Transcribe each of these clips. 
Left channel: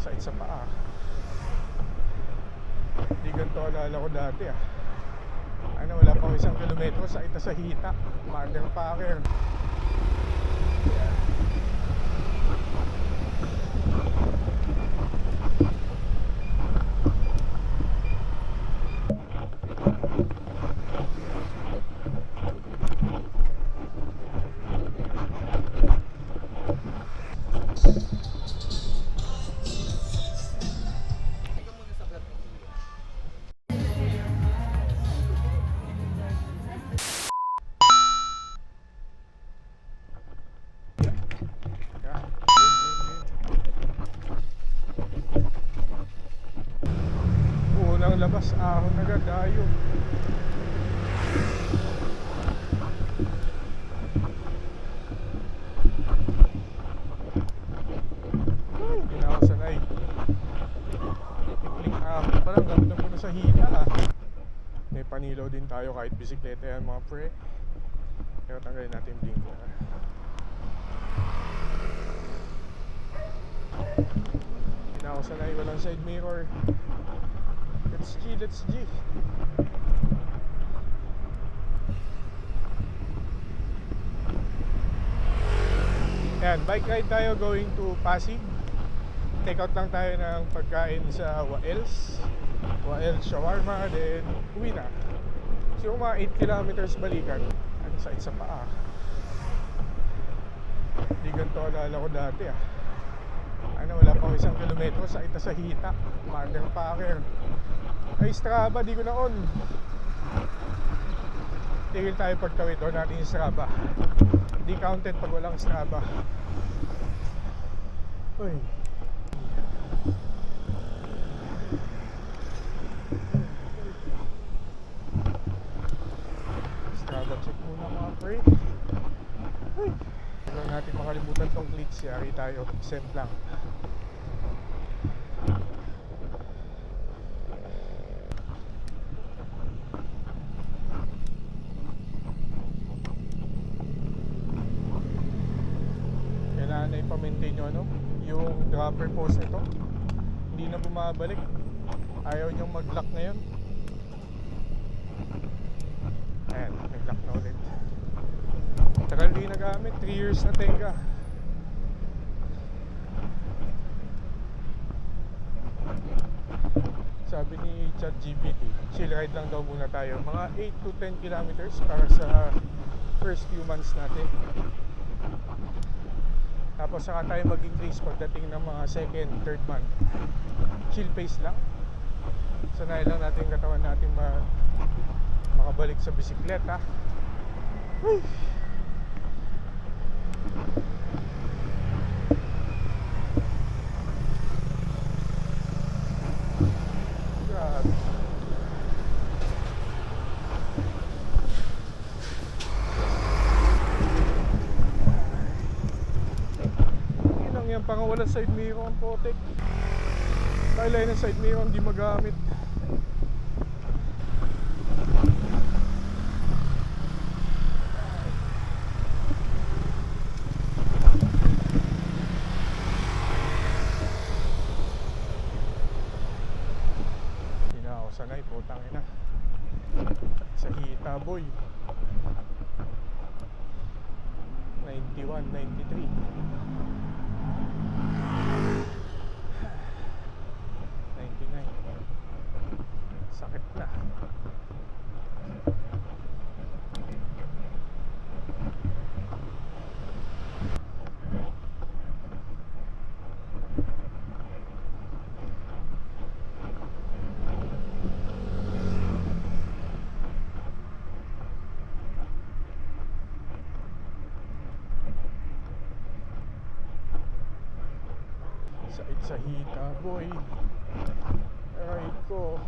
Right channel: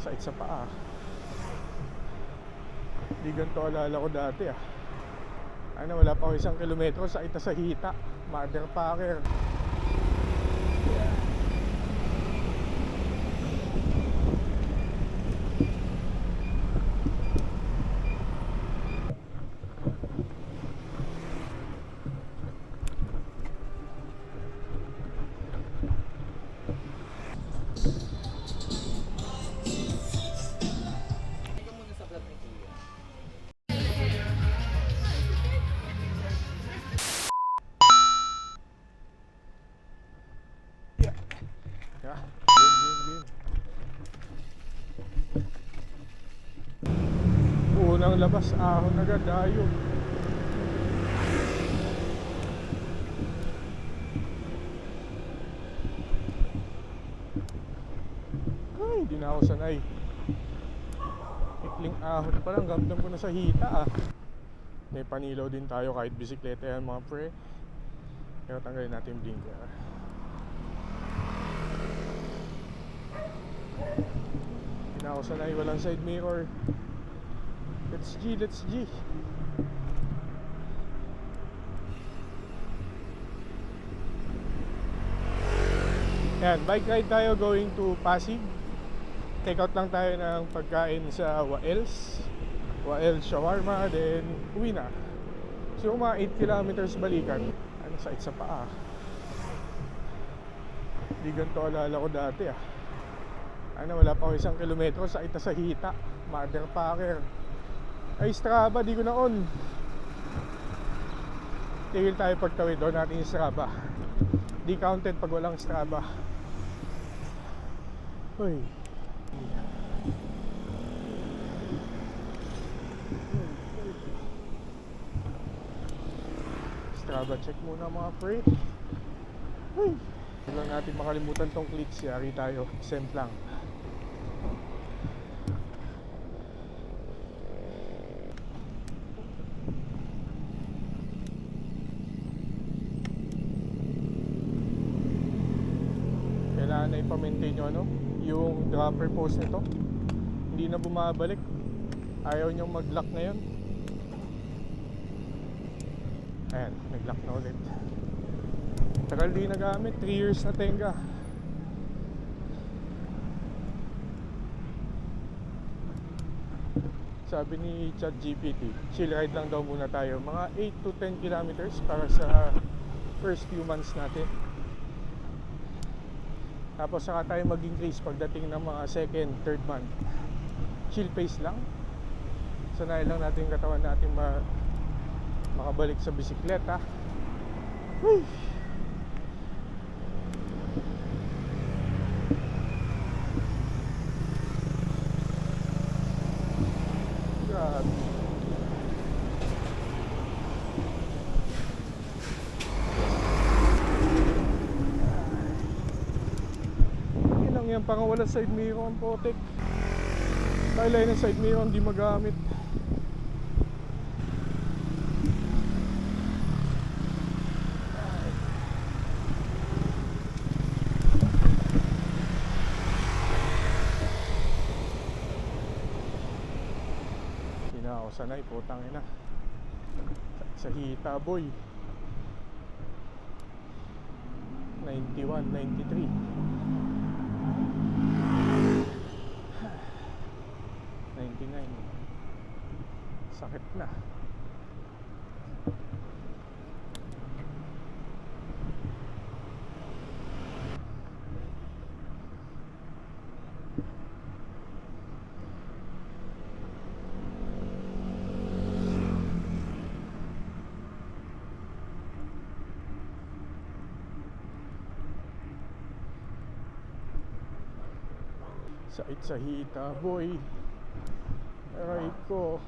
Sakit sa paa. Di ganito alala ko dati ah. Wala pa ako 1 kilometro, sakit na sa hita. Motherfucker. Unang labas, ahon agad, dayo. Ay, hindi na ako sanay. Ikling ahon pa lang, gamdam ko na sa hita ah. May panilaw din tayo kahit bisikleta yan mga pre. Pero tanggalin natin yung blinker. Hindi na ako sanay, walang side mirror. Let's G, let's G. Yan, bike ride tayo going to Pasig. Take out lang tayo ng pagkain sa Waels Shawarma, then uwi na. So mga 8 kilometers balikan. Sakit sa paa. Di ganito alala ko dati ah. Wala pa ako 1 kilometro, sakit na sa hita. Motherfucker. Ay, Strava, di ko na on. Tigil tayo pagtawid, on natin yung Strava. Di counted pag walang Strava. Uy. Strava check muna mga pre. Uy. Huwag lang natin makalimutan tong clicks. Yari tayo, send lang. Kailangan na ipa-maintain nyo yung dropper post nito. Hindi na bumabalik. Ayaw nyong mag-lock ngayon. Ayan, nag-lock na ulit. Tagal di nagamit, 3 years na tenga. Sabi ni ChatGPT, chill ride lang daw muna tayo. Mga 8 to 10 kilometers para sa first few months natin. Tapos saka tayo mag-increase pagdating ng mga second, third month. Chill pace lang. Sanayin lang natin yung katawan natin makabalik sa bisikleta. Whew. Grabe. Yan pang wala side mirror ang potek. Kailan ng side mirror hindi magamit. Hindi na ako sanay, putang ina. Sa hita boy. 91, 93. 99. Sakit na. Sakit sa hita boy. Aray ko.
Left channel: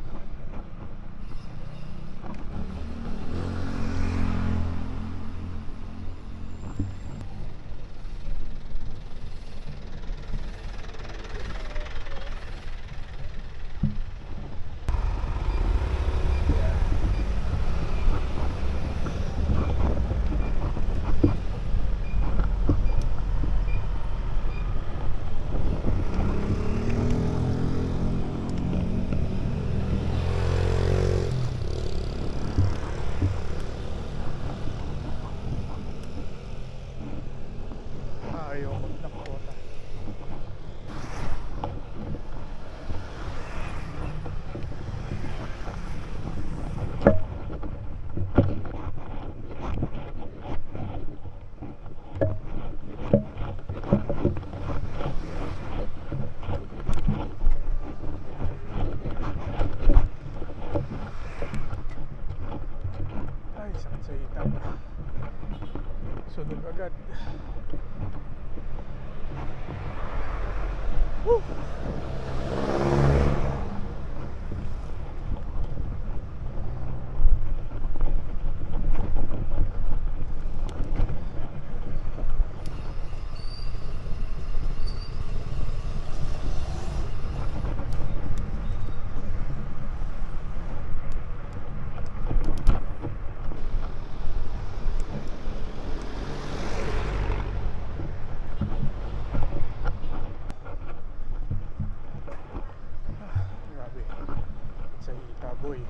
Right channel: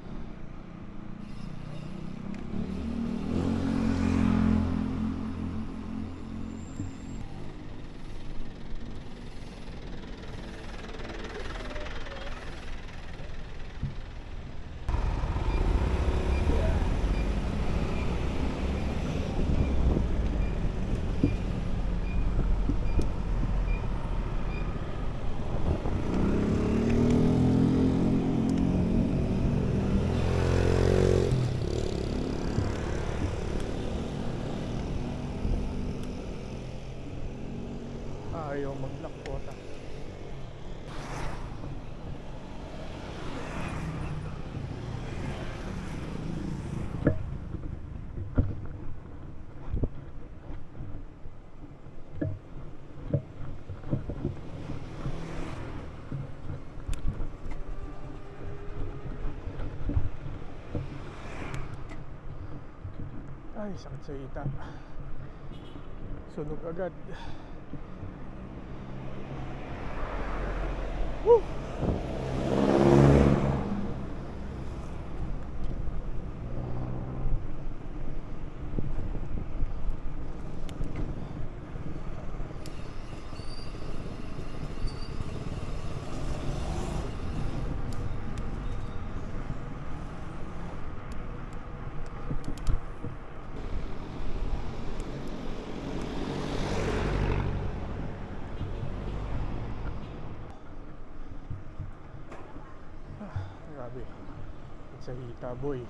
Ay, sakit sa hita. Sunog agad. Woo! Grabe. Sa hita, boy.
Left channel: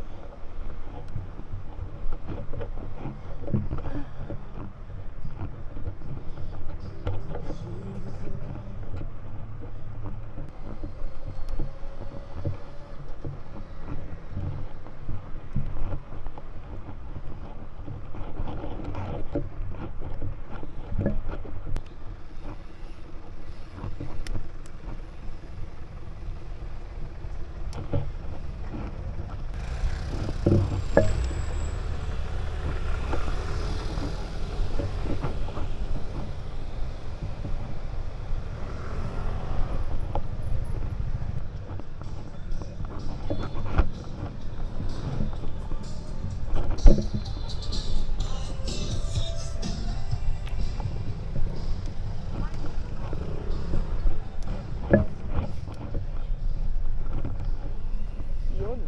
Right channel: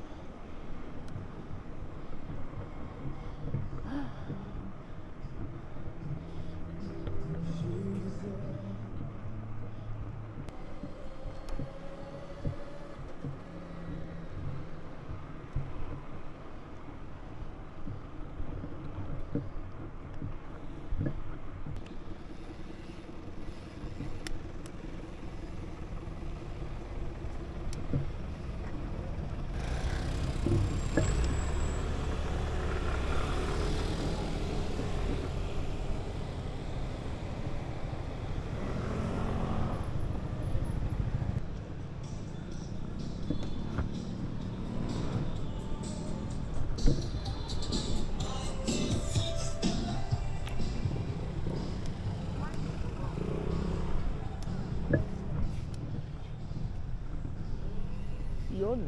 Yun.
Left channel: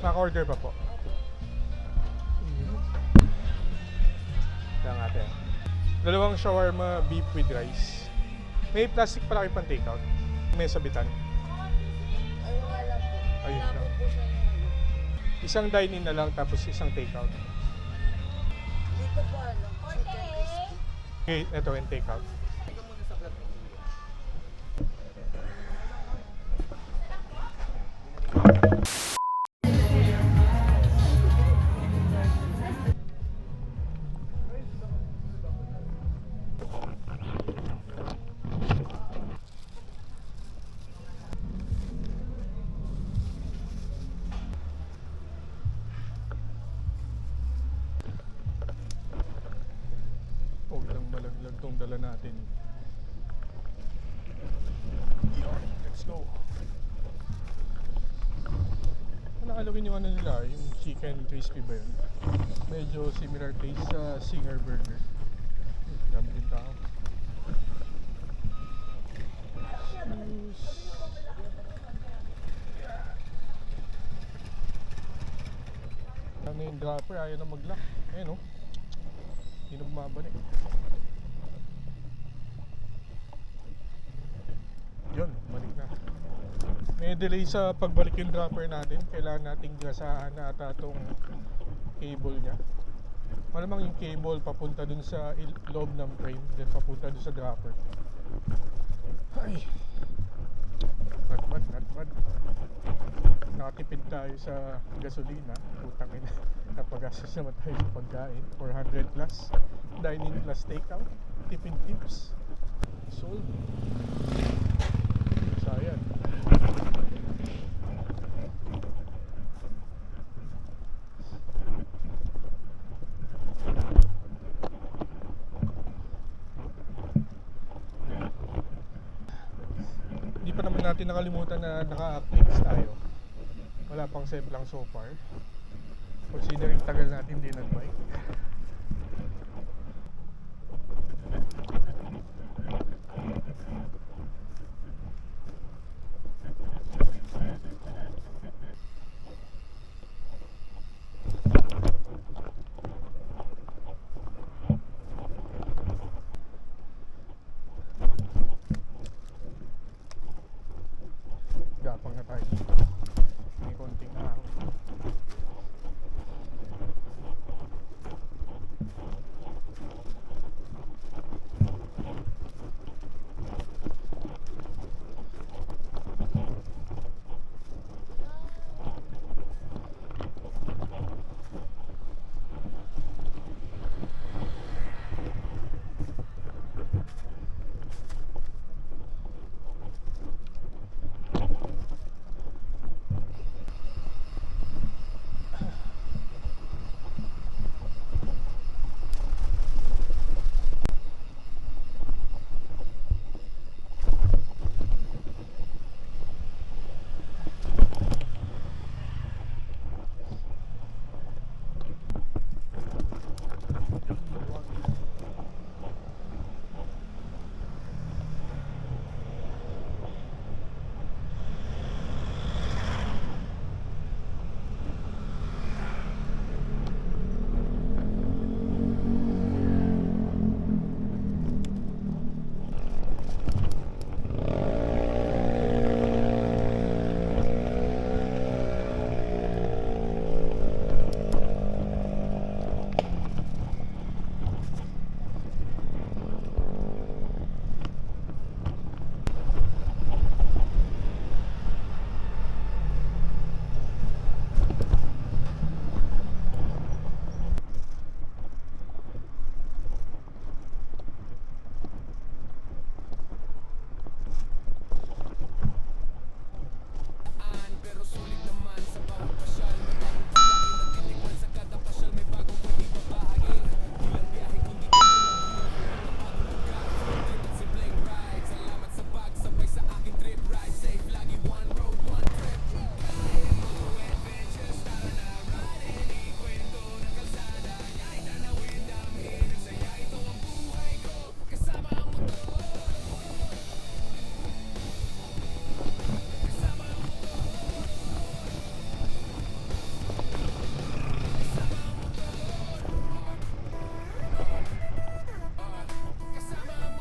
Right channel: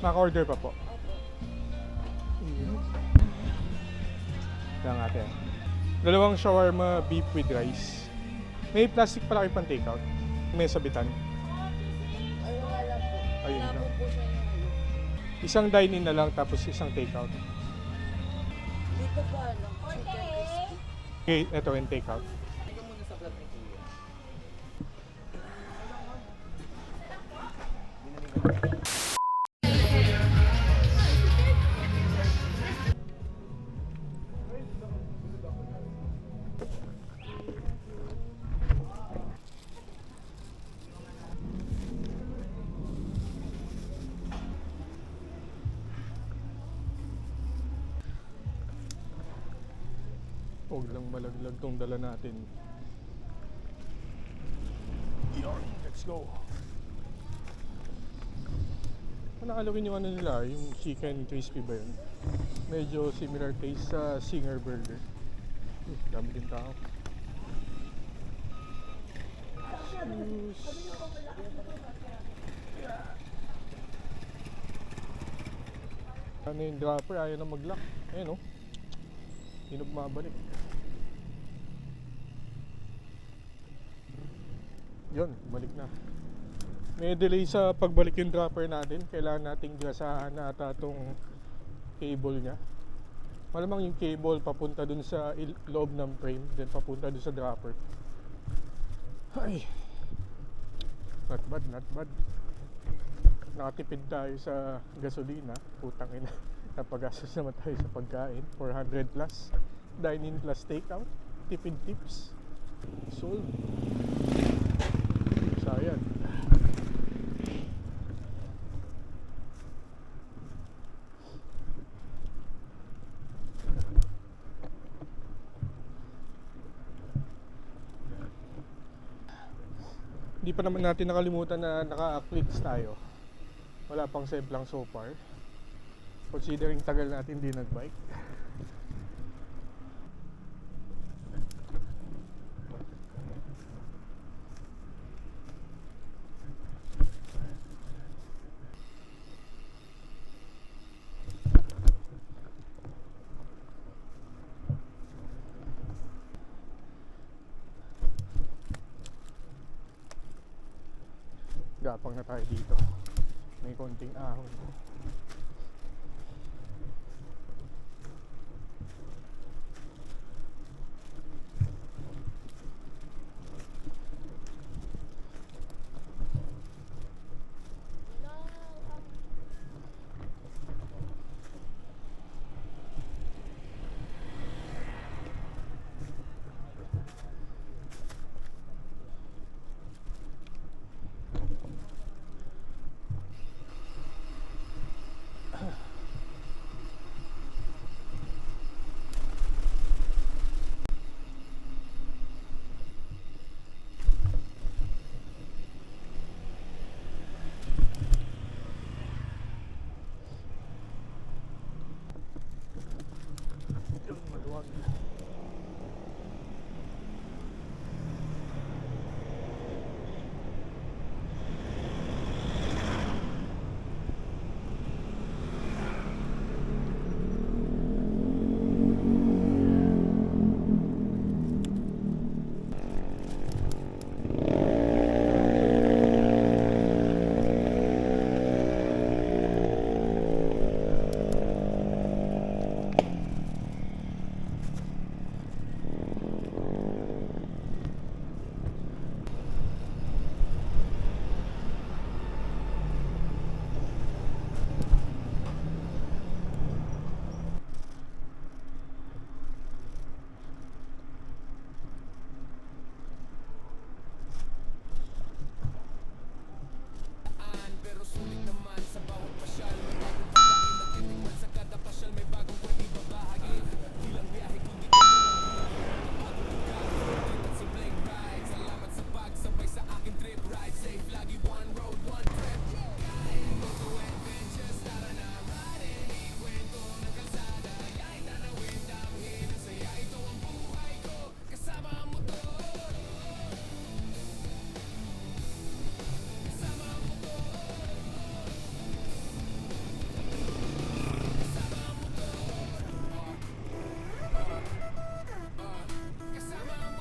Naka-order pa po. Lang ate. Dalawang shawarma beef with rice. May plastic pala kayo pang takeout. May sabitan. Ay, wala po. Ayun Wala lang. po siya yung ano. Isang dine-in na lang tapos isang takeout. Dito po ano, chicken crispy. Okay, ito yung takeout. Teka muna sa vlog ni Kuya. Huwag lang malaglag tong dala natin. Yun, let's go. Nakalawin yung ano nila, yung chicken crispy ba yun? Medyo similar taste sa Singer Burger. Dami din tao. Cheers. Ano yung dropper, ayaw na mag-lock. Ayun o. Hindi na bumabalik. Yun, balik na. May delay sa pagbalik yung dropper natin. Kailangan nating gasahan na ata itong cable nya. Malamang yung cable papunta dun sa loob ng frame, then papunta dun sa dropper. Ay, not bad, not bad. Nakatipid tayo sa gasolina. Putang ina. Napagastos naman tayo sa pagkain. 400 plus. Dine-in plus takeout. Tipid tips. Sold. Sayang. Hindi pa naman natin nakalimutan na naka-clicks tayo. Wala pang save lang so far. Considering tagal natin din nag-bike. Gapang na tayo dito. May konting ahon.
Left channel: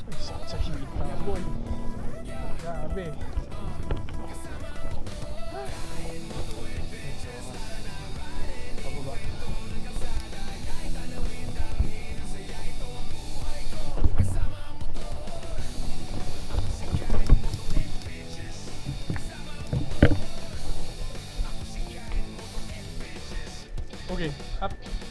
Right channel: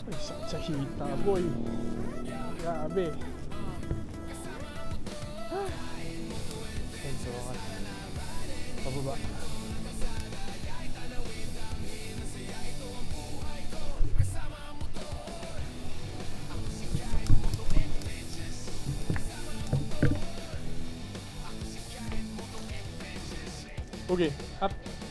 Ay, sakit sa hita, boy. Grabe. Ay, so, pababa. Okay, up.